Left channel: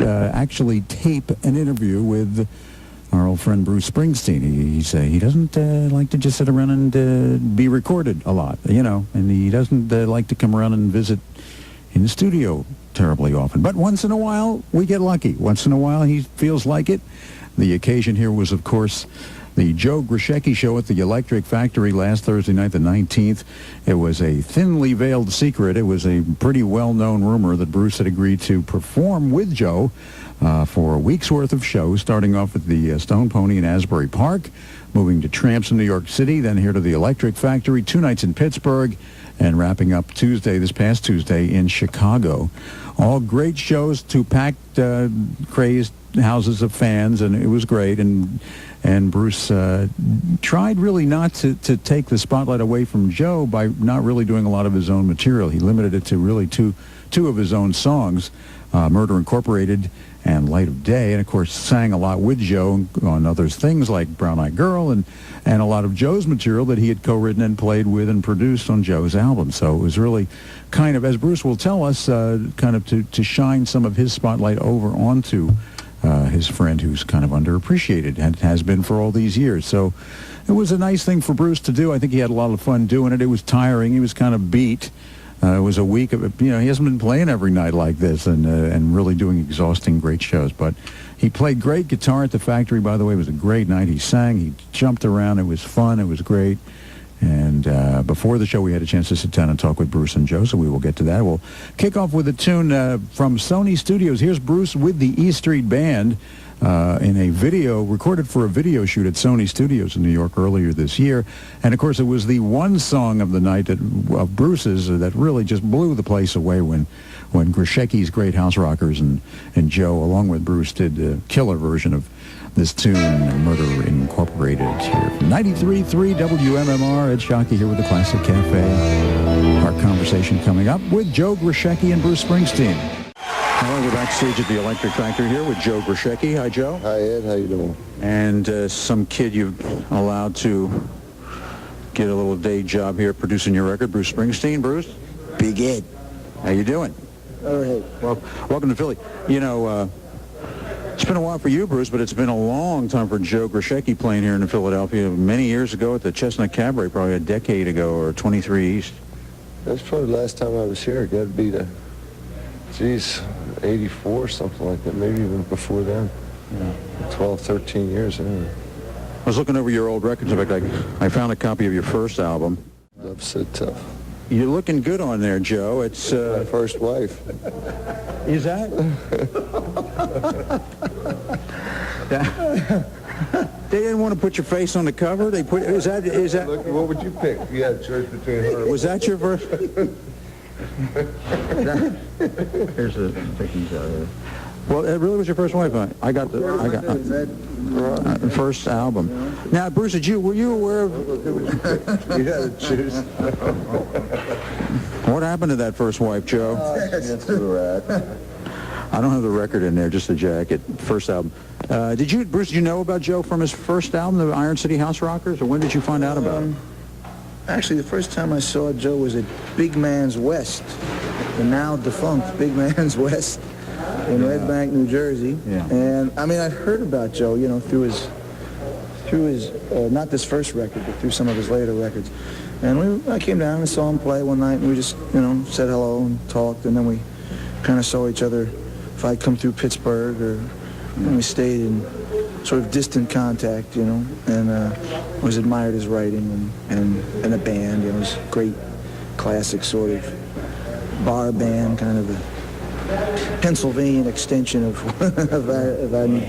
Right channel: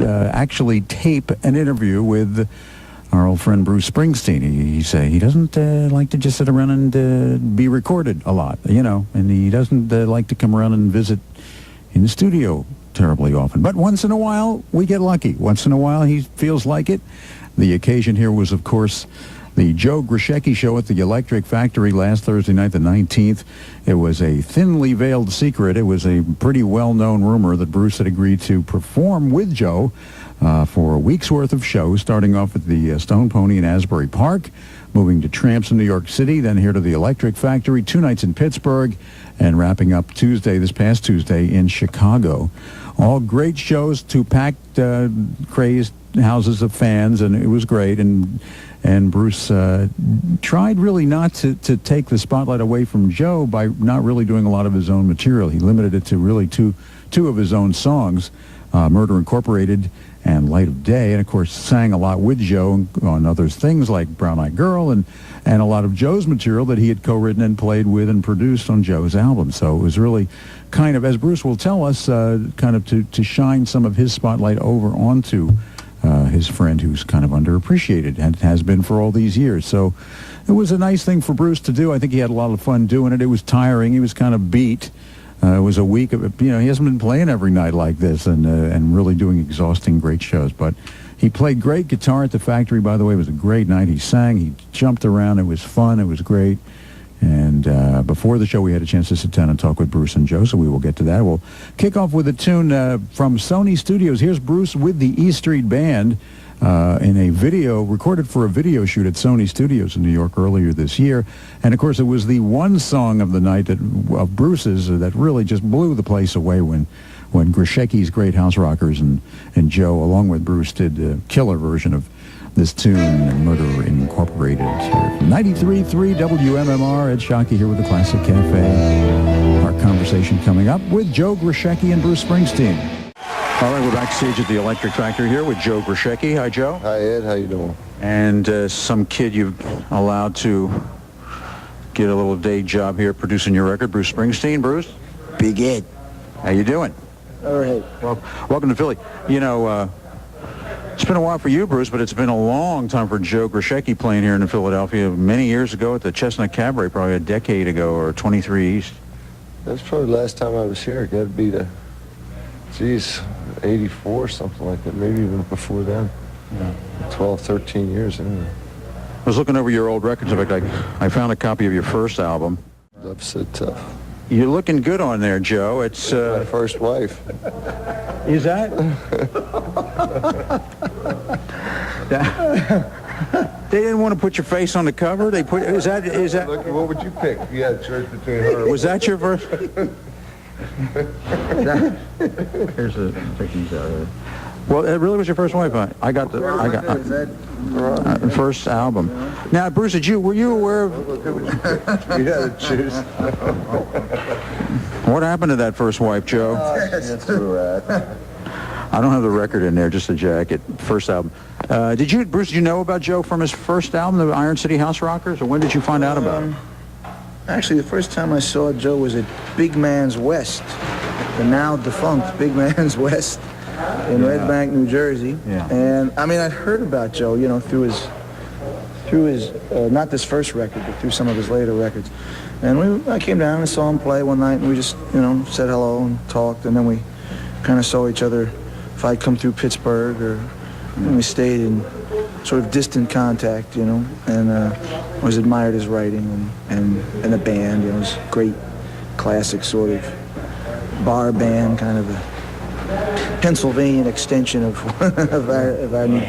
actually tape an interview with our old friend Bruce Springsteen. He doesn't like to just sit around and be recorded a lot, and he doesn't like to come around and visit in the studio terribly often. But once in a while, we get lucky. Once in a while, he feels like it. The occasion here was, of course, the Joe Grushecky show at the Electric Factory last Thursday night, the 19th. It was a thinly veiled secret. It was a pretty well-known rumor that Bruce had agreed to perform with Joe for a week's worth of shows, starting off at the Stone Pony in Asbury Park, moving to Tramps in New York City, then here to the Electric Factory, 2 nights in Pittsburgh, and wrapping up this past Tuesday, in Chicago. All great shows, 2 packed, crazed houses of fans, and it was great. And Bruce tried really not to take the spotlight away from Joe by not really doing a lot of his own material. He limited it to really two of his own songs, Murder Incorporated and Light of Day, and of course sang a lot with Joe on other things like Brown Eyed Girl and a lot of Joe's material that he had co-written and played with and produced on Joe's album. So it was really kind of, as Bruce will tell us, kind of to shine some of his spotlight over onto his friend who's kind of underappreciated and has been for all these years. So it was a nice thing for Bruce to do. I think he had a lot of fun doing it. It was tiring. He was kind of beat. It was a week of it. He hasn't been playing every night like this and really doing exhausting great shows. But he played great guitar at the factory, by the way. It was a great night. He sang. He jumped around. It was fun. It was great. And before the show, we had a chance to sit down and talk with Bruce and Joe, so we will get to that. We'll kick off with a tune from Sony Studios. Here's Bruce with the E Street Band in a video, recorded for a video shoot at Sony Studios in New York earlier this year. And, of course, it was the one song of the night of Bruce's that really just blew the place away when Grushecky's Great House Rockers and Joe, along with Bruce, did a killer version of this tune, Murder Incorporated, here from 93.3 WMMR. Ed Sciaky here with the Classic Cafe. Our conversation coming up with Joe Grushecky and Bruce Springsteen. All right, we're backstage at the Electric Factory here with Joe Grushecky. Hi, Joe. Hi, Ed. How you doing? And some kid you've allowed to get a little day job here producing your record, Bruce Springsteen. Bruce? Big Ed. How you doing? All right. Well, welcome to Philly. It's been a while for you, Bruce, but it's been a long time for Joe Grushecky playing here in Philadelphia. Many years ago at the Chestnut Cabaret, probably a decade ago, or 23 East. That's probably the last time I was here. It got to be 84, something like that. Maybe even before then. Yeah. 12, 13 years anyway. I was looking over your old records. In fact, I found a copy of your first album. Love's So Tough. You're looking good on there, Joe. It's my first wife. Is that? They didn't want to put your face on the cover. They put. Is that? Look, what would you pick? You had a choice between her. Was that your first? Here's the pictures out here. Well, it really was your first wife, huh? I got first album. Now, Bruce, were you aware of? You had to choose. What happened to that first wife, Joe? That's a rat. I don't have the record in there, just the jacket. First album. Bruce, did you know about Joe from his first album, the Iron City House Rockers, or when did you find out about him? Actually, the first time I saw Joe was at Big Man's West, the now defunct Big Man's West in Red Bank, New Jersey. Yeah. And I mean, I'd heard about Joe, through his not this first record, but through some of his later records. And I came down and saw him play one night, and we just, said hello and talked, and then we kind of saw each other if I'd come through Pittsburgh, or we stayed in sort of distant contact, and always admired his writing and the band. It was great, classic sort of bar band, kind of a Pennsylvania extension of our New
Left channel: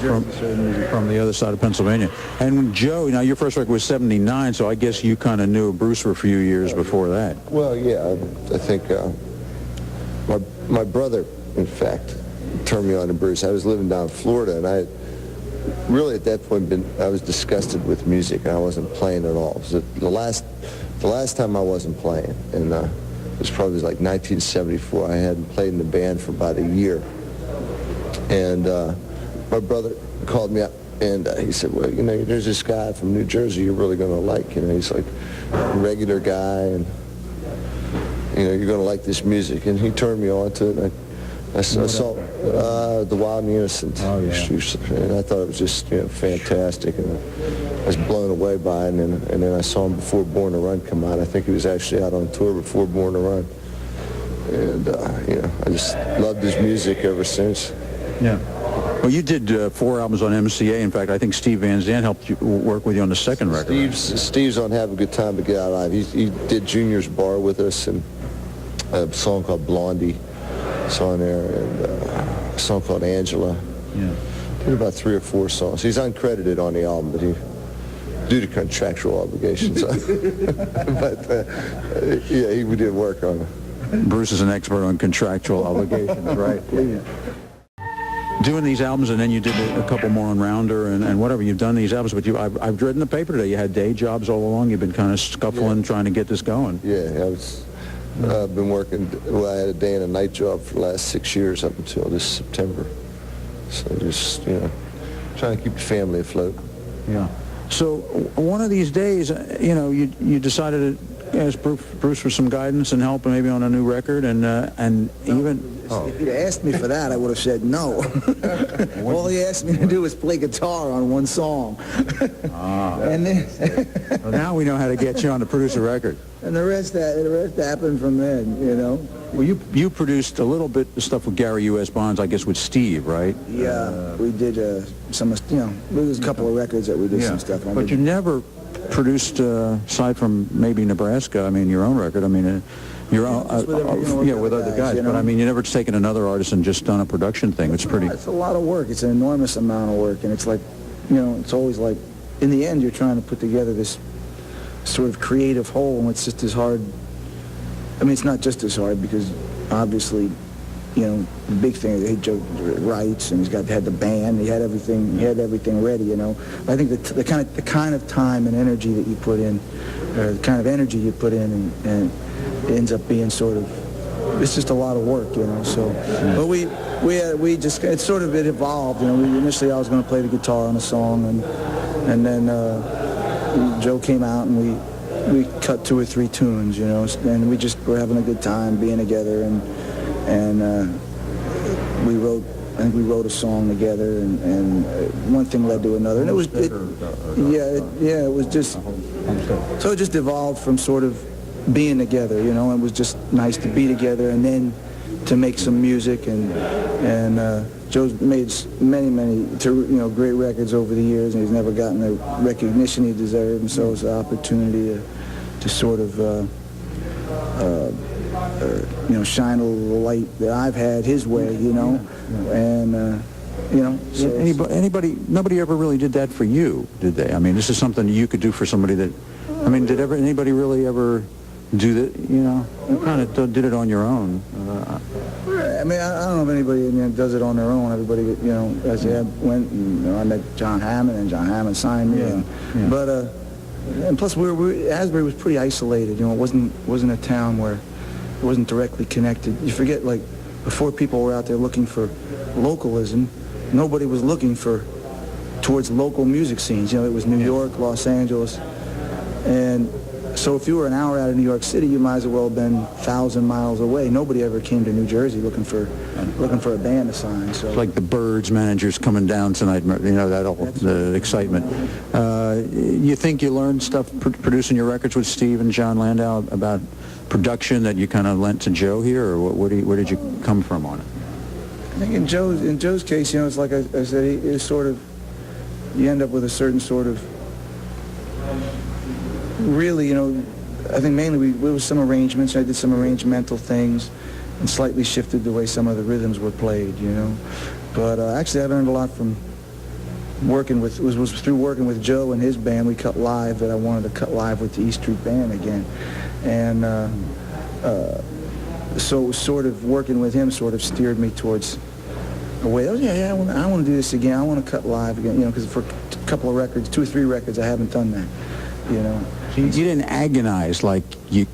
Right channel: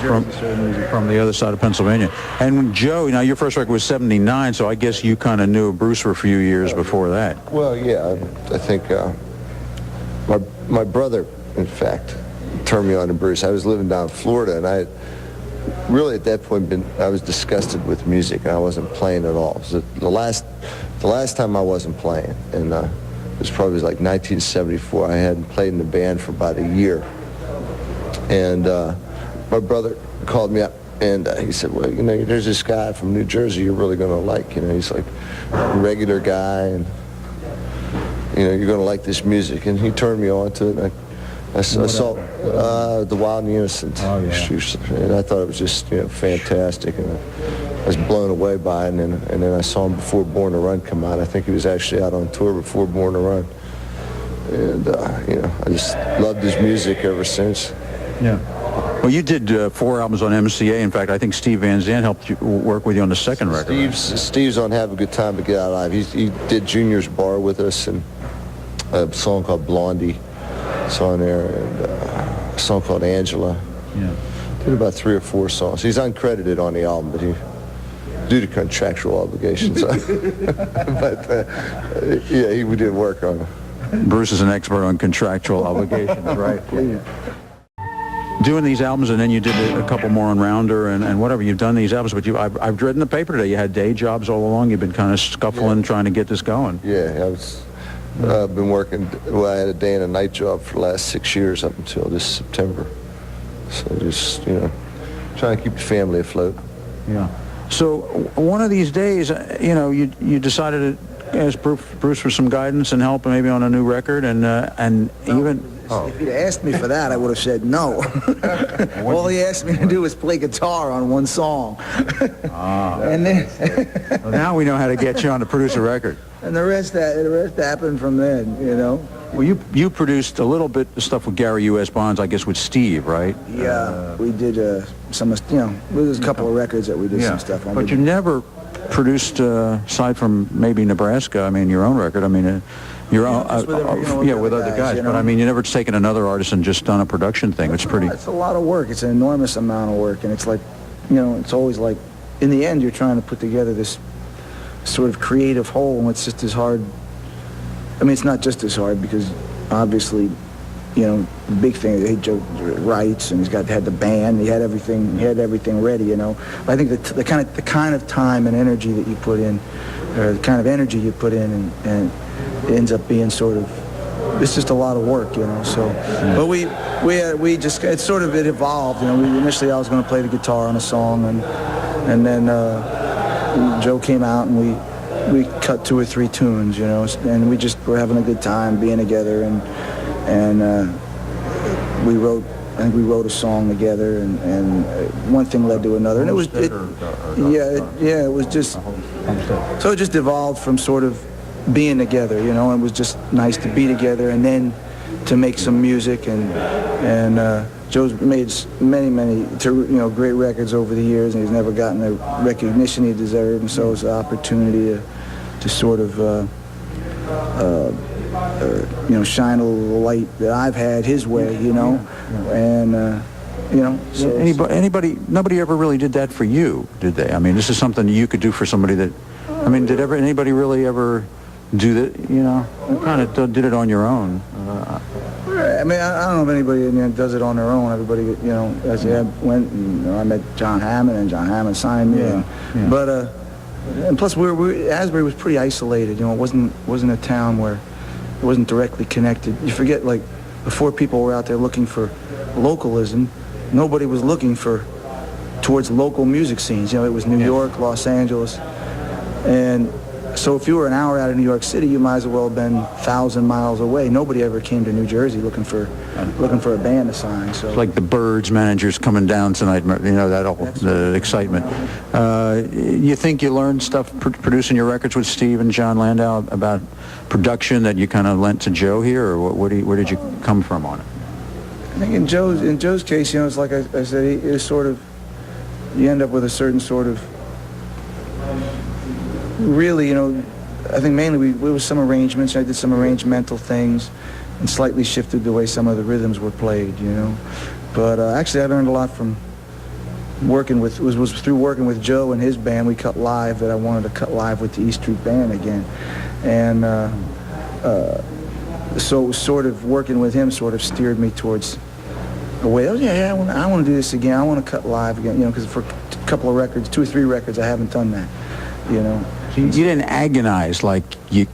Jersey from the other side of Pennsylvania. And Joe, now your first record was '79, so I guess you kind of knew Bruce for a few years before that. Well, yeah, I think my brother, in fact, turned me on to Bruce. I was living down in Florida, and I really at that point I was disgusted with music, and I wasn't playing at all. It was the last time I wasn't playing, and it was probably like 1974. I hadn't played in the band for about a year, and my brother called me up, and he said, well, there's this guy from New Jersey you're really going to like. He's like a regular guy, and you're going to like this music. And he turned me on to it, and I saw The Wild and Innocent. Oh, yeah. And I thought it was just fantastic, and I was blown away by it. And then I saw him before Born to Run come out. I think he was actually out on tour before Born to Run. And I just loved his music ever since. Yeah. Well, you did 4 albums on MCA. In fact, I think Steve Van Zandt helped you work with you on the second record. Steve's on Have a Good Time to Get Out Alive. He did Junior's Bar with us, and a song called Blondie. It's on there, and a song called Angela. Yeah. Did about 3 or 4 songs. He's uncredited on the album, but due to contractual obligations. But we did work on it. Bruce is an expert on contractual obligations, right? Yeah. Doing these albums, and then you did a couple more on Rounder and whatever. You've done these albums, but I've read in the paper today you had day jobs all along. You've been kind of scuffling, trying to get this going. Yeah, I've been working. Well, I had a day and a night job for the last 6 years up until this September. So just trying to keep the family afloat. Yeah. So one of these days, you decided to ask Bruce for some guidance and help, maybe on a new record, and even. Oh. If you'd asked me for that, I would have said no. All he asked me to do was play guitar on one song. And then well, now we know how to get you on to produce a record. And the rest happened from then, Well, you produced a little bit of stuff with Gary U.S. Bonds, I guess, with Steve, right? Yeah, we did some, there's a couple of records that we did some stuff on. But you never produced, aside from maybe Nebraska, your own record, your own, with other guys. But you never taken another artist and just done a production thing. It's pretty. It's a lot of work. It's an enormous amount of work, and it's like, it's always like, in the end, you're trying to put together this sort of creative whole, and it's just as hard. It's not just as hard because obviously, the big thing is Joe writes, and had the band, he had everything ready, I think the kind of time and energy that you put in, or the kind of energy you put in, and it ends up being sort of, it's just a lot of work, so. But we just, it evolved, initially I was going to play the guitar on a song, and then Joe came out, and we cut 2 or 3 tunes, and we just were having a good time being together, and we wrote a song together, and one thing led to another, and it was just, so it just evolved from sort of being together, and it was just nice to be together, and then to make some music, and Joe's made many great records over the years, and he's never gotten the recognition he deserved, and so it was an opportunity to sort of shine a little light that I've had his way, and so nobody ever really did that for you, did they? This is something you could do for somebody that, did anybody really ever do that? Kind of did it on your own. I don't know if anybody does it on their own. Everybody, as I went, and I met John Hammond, and John Hammond signed me. But and plus, Asbury was pretty isolated. It wasn't a town where it wasn't directly connected. You forget, like, before people were out there looking for localism, nobody was looking towards local music scenes. It was New York, Los Angeles, and so if you were an hour out of New York City, you might as well have been 1,000 miles away. Nobody ever came to New Jersey looking for a band to sign. So it's like the Birds managers coming down tonight. That whole the excitement. You think you learned stuff producing your records with Steve and John Landau about production that you kind of lent to Joe here, or where did you come from on it? I think in Joe's case, it's like I said, it's sort of, you end up with a certain sort of. Really, I think mainly we was some arrangements. I did some arrangemental things and slightly shifted the way some of the rhythms were played, But actually, I learned a lot from working with, was through working with Joe and his band. We cut live, that I wanted to cut live with the E Street Band again. And so it was sort of working with him sort of steered me towards a way. I want to do this again. I want to cut live again, because for a couple of records, 2 or 3 records, I haven't done that, You didn't agonize like you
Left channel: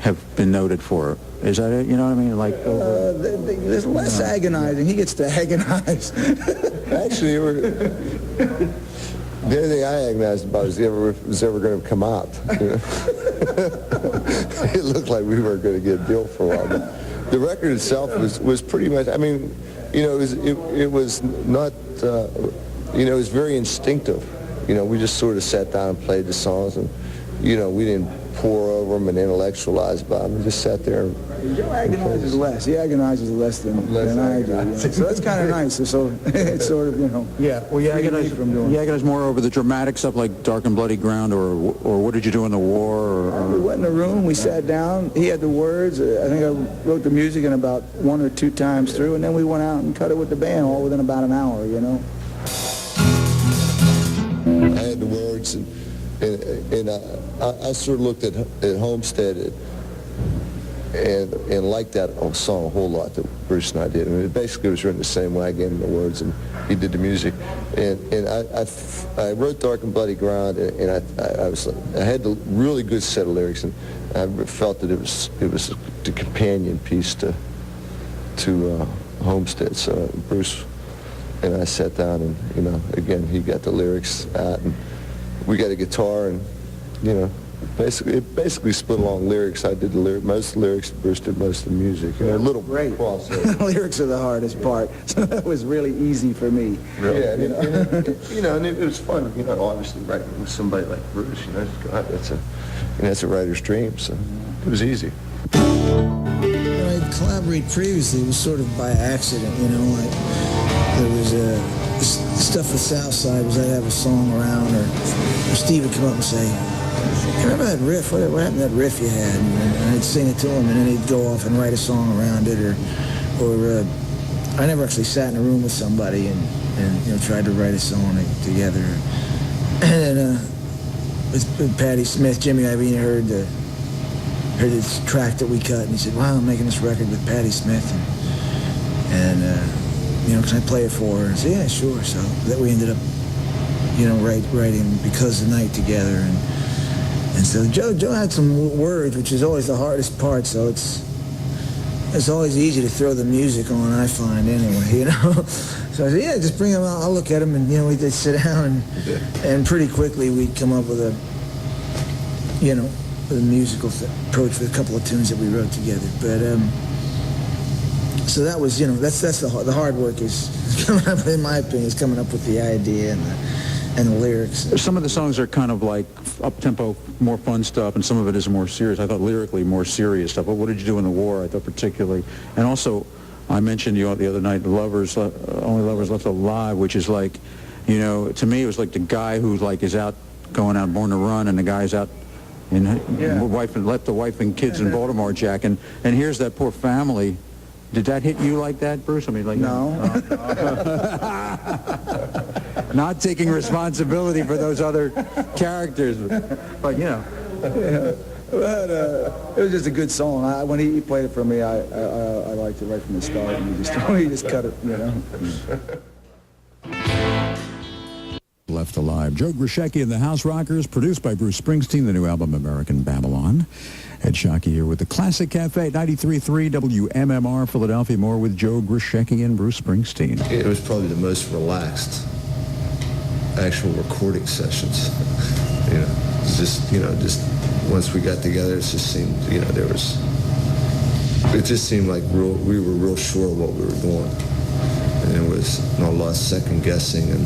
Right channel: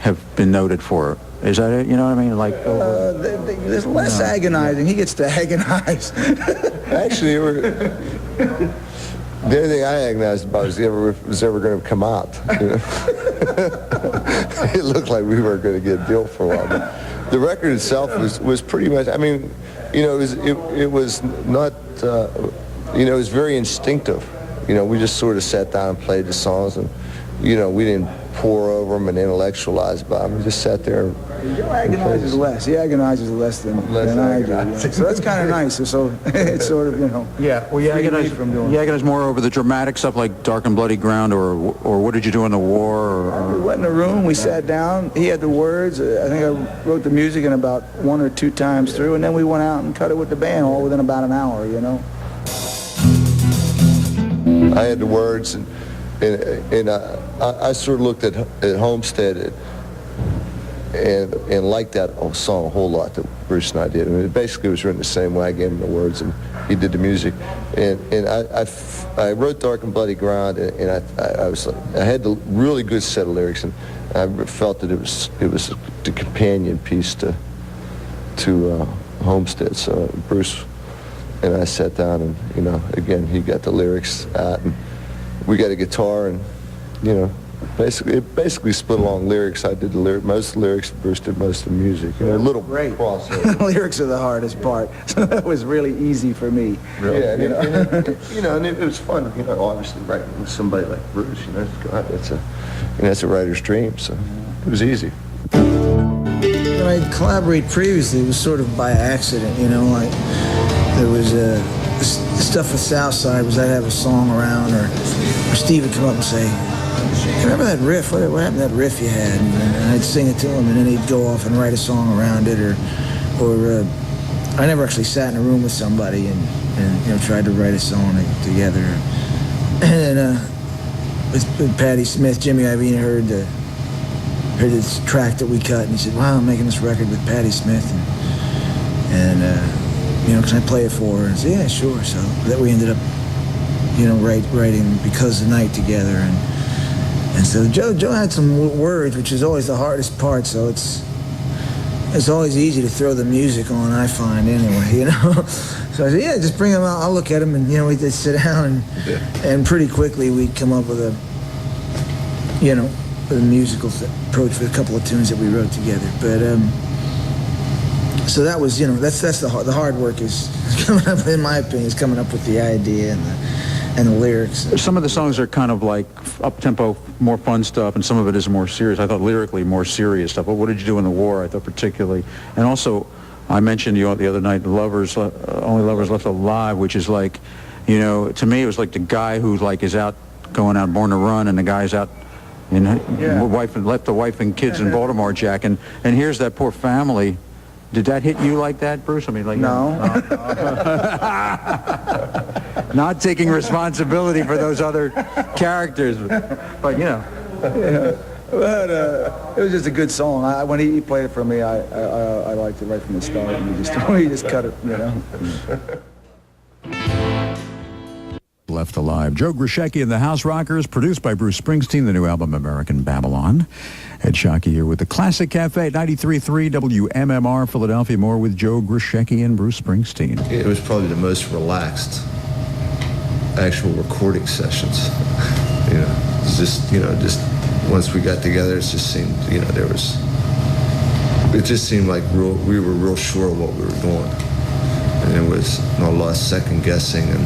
have been noted for. Is that it? You know what I mean? Like there's less agonizing. He gets to agonize. Actually, the only thing I agonized about was ever going to come out. It looked like we weren't going to get a deal for a while. the record itself was pretty much, I mean, you know, it was not, you know, it was very instinctive. You know, we just sort of sat down and played the songs, and, you know, we didn't pour over them and intellectualize about them. We just sat there and Joe agonizes less. He agonizes less than I do. Yeah. So that's kind of nice. So it's sort of, you know. Yeah, well, you agonize more over the dramatic stuff like Dark and Bloody Ground, or What Did You Do in the War? We went in a room, we sat down, he had the words. I think I wrote the music in about 1 or 2 times through, and then we went out and cut it with the band all within about an hour, you know. I had the words, and I sort of looked at Homestead and liked that song a whole lot that Bruce and I did. I mean, it basically was written the same way. I gave him the words, and he did the music. And I wrote Dark and Bloody Ground, and I had a really good set of lyrics, and I felt that it was the companion piece to Homestead. So Bruce and I sat down, and, you know, again, he got the lyrics out, and we got a guitar, and, you know, basically split along lyrics. I did most of the lyrics, Bruce did most of the music. You know, a little crossover. Lyrics are the hardest part, so that was really easy for me. Really? Yeah, and it was fun, you know, obviously writing with somebody like Bruce, you know, God, that's a writer's dream, so it was easy. When I collaborated previously, it was sort of by accident, you know. There was stuff with Southside was I'd have a song around, or Steve would come up and say, remember that riff? What happened to that riff you had? And I'd sing it to him, and then he'd go off and write a song around it, or I never actually sat in a room with somebody and you know, tried to write a song together. And then with Patti Smith, Jimmy Iovine heard this track that we cut, and he said, "Wow, I'm making this record with Patti Smith," and you know, can I play it for her? And I said, "Yeah, sure." So that we ended up, you know, writing Because the Night together, and so Joe had some words, which is always the hardest part. So it's always easy to throw the music on, I find, anyway, you know. So I said, "Yeah, just bring them out. I'll look at them," and, you know, we'd sit down, and pretty quickly we'd come up with a musical approach for a couple of tunes that we wrote together. But so that was, you know, that's the hard work is coming up, in my opinion, is coming up with the idea and the lyrics. Some of the songs are kind of like up-tempo, more fun stuff, and some of it is more serious. I thought lyrically more serious stuff. But What Did You Do in the War, I thought particularly. And also, I mentioned the other night, Only Lovers Left Alive, which is like, you know, to me it was like the guy who like is out going out Born to Run, and the guy's out and left the wife and kids in Baltimore, Jack, and here's that poor family. Did that hit you like that, Bruce? I mean, like no. Not taking responsibility for those other characters, but you know. Yeah. But it was just a good song. When he played it for me, I liked it right from the start, and he just cut it, you know. Left Alive. Joe Grushecky and the House Rockers, produced by Bruce Springsteen, the new album American Babylon. Ed Sciaky here with the Classic Cafe, 93.3 WMMR, Philadelphia. More with Joe Grushecky and Bruce Springsteen. It was probably the most relaxed actual recording sessions. You know, it's just once we got together, it just seemed, you know, it just seemed like we were real sure of what we were doing. And there was not a lot of second guessing and,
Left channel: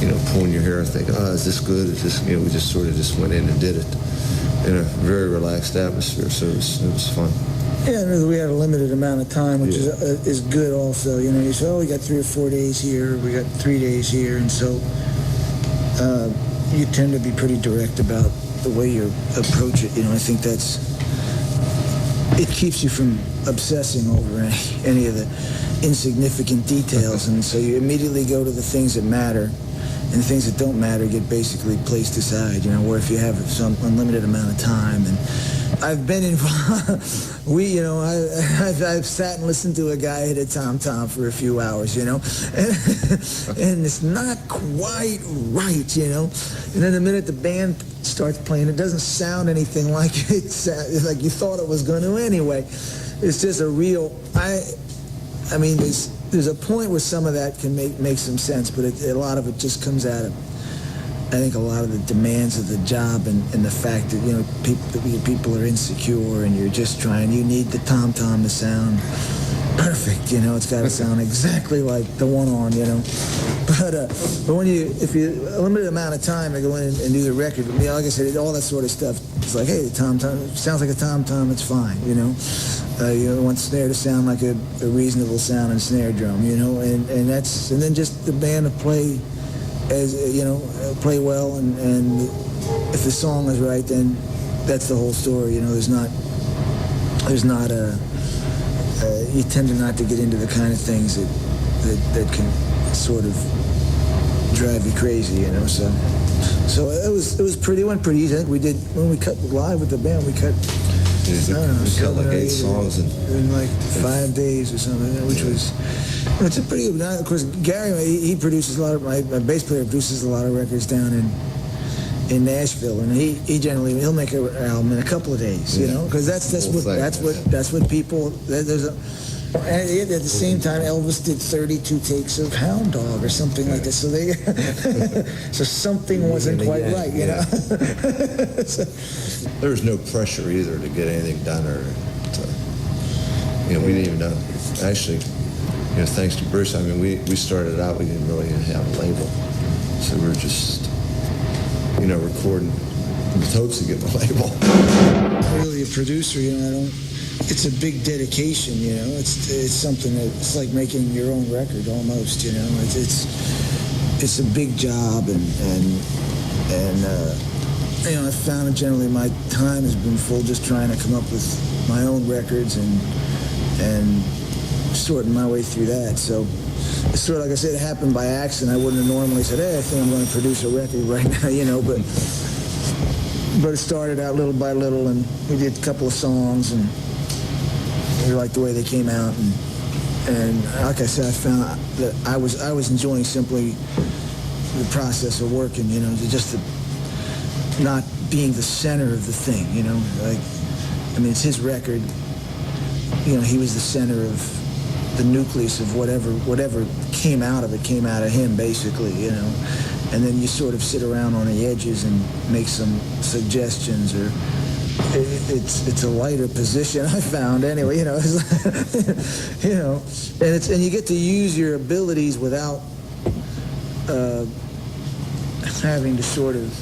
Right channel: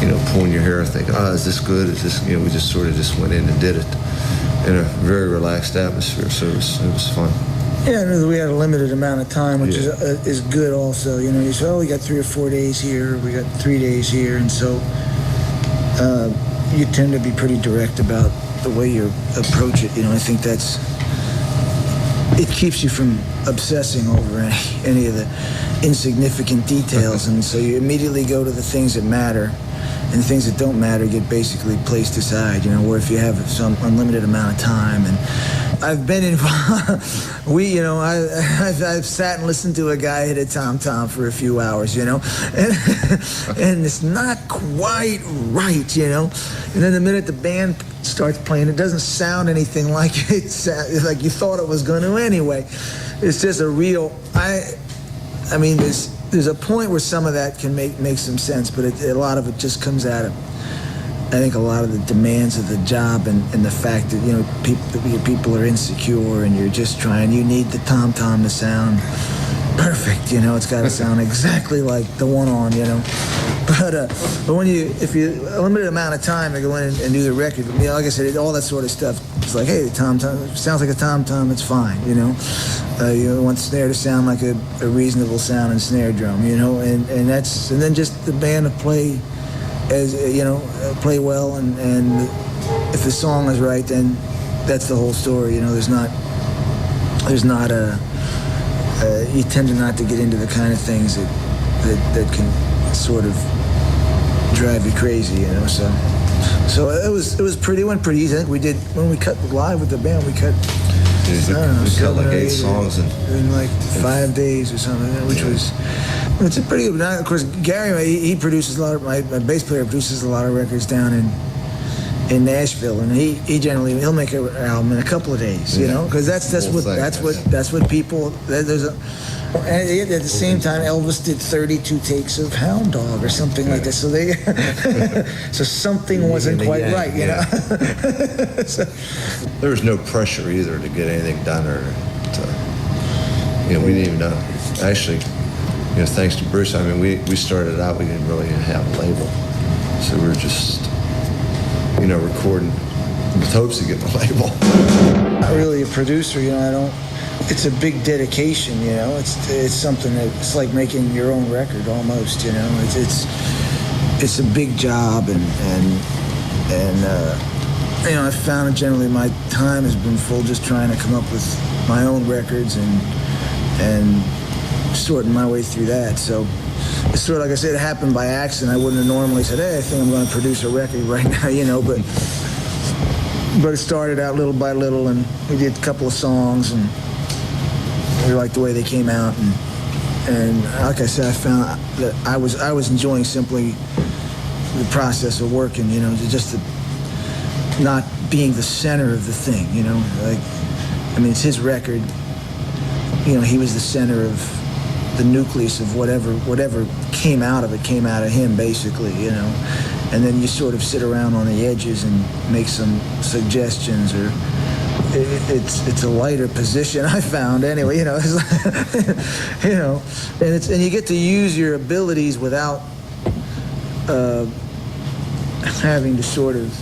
you know, pulling your hair and thinking, is this good? Is this, you know, we just sort of just went in and did it in a very relaxed atmosphere, so it was fun. Yeah, we had a limited amount of time, which is good also. You know, you say, we got 3 or 4 days here, we got 3 days here, and so you tend to be pretty direct about the way you approach it. You know, I think it keeps you from obsessing over any of the insignificant details, and so you immediately go to the things that matter. And the things that don't matter get basically placed aside, you know, where if you have some unlimited amount of time. And I've been involved, I've sat and listened to a guy hit a tom-tom for a few hours, you know, and it's not quite right, you know. And then the minute the band starts playing, it doesn't sound anything like like you thought it was going to anyway. It's just a real, I mean, there's a point where some of that can make some sense, but a lot of it just comes out of think a lot of the demands of the job and the fact that, you know, people are insecure and you're just trying, you need the tom-tom to sound perfect, you know. It's got to sound exactly like the one on, you know. But if you a limited amount of time to go in and do the record, you know, like I said, all that sort of stuff, it's like, hey, the tom-tom sounds like a tom-tom, it's fine, you know. You want snare to sound like a reasonable sound and snare drum, you know, and then just the band to play as, you know, play well, and if the song is right, then that's the whole story, you know. There's not you tend to not to get into the kind of things that can sort of drive you crazy, you know. So it went pretty easy. I think we did, when we cut live with the band, we cut, I don't know, we cut like 8 songs in like 5 days or something, which was, it's a pretty good. Of course, Gary, he produces a lot of, my bass player produces a lot of records down in Nashville, and he'll make an album in a couple of days, you know, because that's what people, there's a. And at the same time, Elvis did 32 takes of Hound Dog or something like that. So so something wasn't quite right, you know. So, there was no pressure either to get anything done, or to, you know, we didn't even know. Actually, you know, thanks to Bruce, I mean, we started out, we didn't really have a label, so we were just, you know, recording with hopes of getting a label. Not really a producer, you know. It's a big dedication, you know. It's something that, it's like making your own record almost, you know. It's a big job, and you know, I found that generally my time has been full just trying to come up with my own records and sorting my way through that. So it's sort of, like I said, it happened by accident. I wouldn't have normally said, hey, I think I'm going to produce a record right now, you know, but it started out little by little, and we did a couple of songs, and we liked the way they came out, and like I said, I found that I was enjoying simply the process of working, you know, just not being the center of the thing, you know. Like, I mean, it's his record, you know. He was the center of the nucleus of whatever came out of him, basically, you know. And then you sort of sit around on the edges and make some suggestions, or it's a lighter position, I found, anyway, you know. It's like, you know, and you get to use your abilities without having to sort of,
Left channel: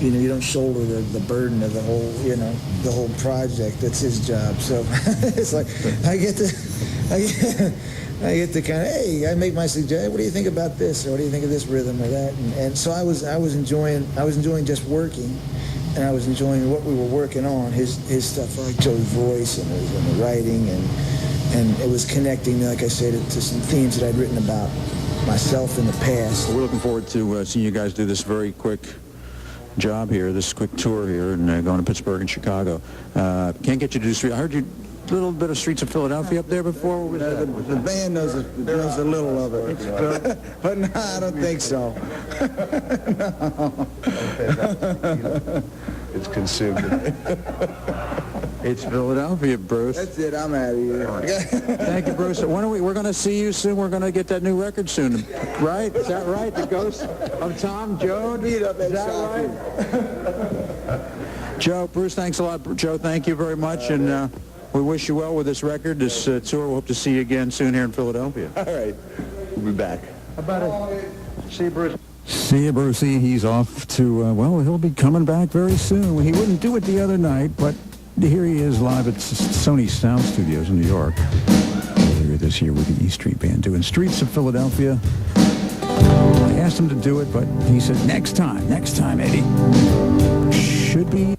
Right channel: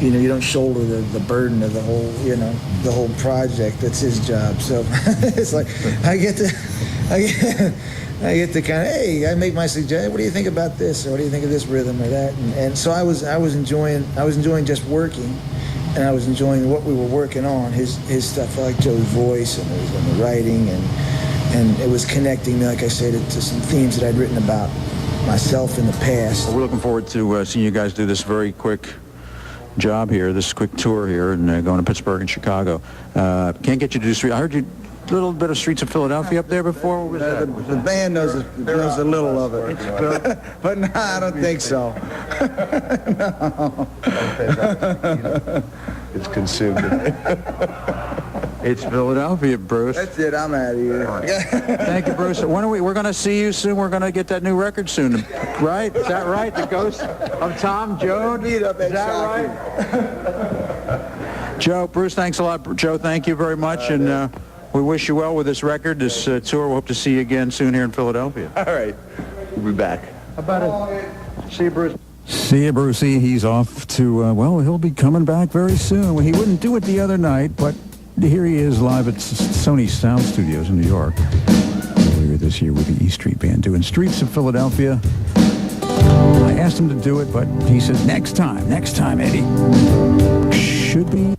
you know, you don't shoulder the burden of the whole, you know, the whole project. That's his job. So it's like I get to kind of, hey, I make my suggestion. What do you think about this? Or what do you think of this rhythm or that? And so I was enjoying just working. And I was enjoying what we were working on, his stuff. I like Joe's voice and the writing, and it was connecting me, like I said, to some themes that I'd written about myself in the past. Well, we're looking forward to seeing you guys do this very quick job here, this quick tour here, and going to Pittsburgh and Chicago. Can't get you to do street. I heard you a little bit of Streets of Philadelphia up there before. What was that? The band knows a little of it, but no, I don't think so. No. It's consumed. It's Philadelphia, Bruce. That's it. I'm out of here. Thank you, Bruce. When are we're going to see you soon. We're going to get that new record soon, right? Is that right? The Ghost of Tom Joad? Meet up at Is that right? Joe, Bruce, thanks a lot. Joe, thank you very much, and we wish you well with this record, this tour. We hope to see you again soon here in Philadelphia. All right. We'll be back. How about it? See you, Bruce. See you, Brucey. He's off to, well, he'll be coming back very soon. Well, he wouldn't do it the other night, but here he is live at Sony Sound Studios in New York earlier this year with the E Street Band doing Streets of Philadelphia. I asked him to do it, but he said, next time, Eddie. Should be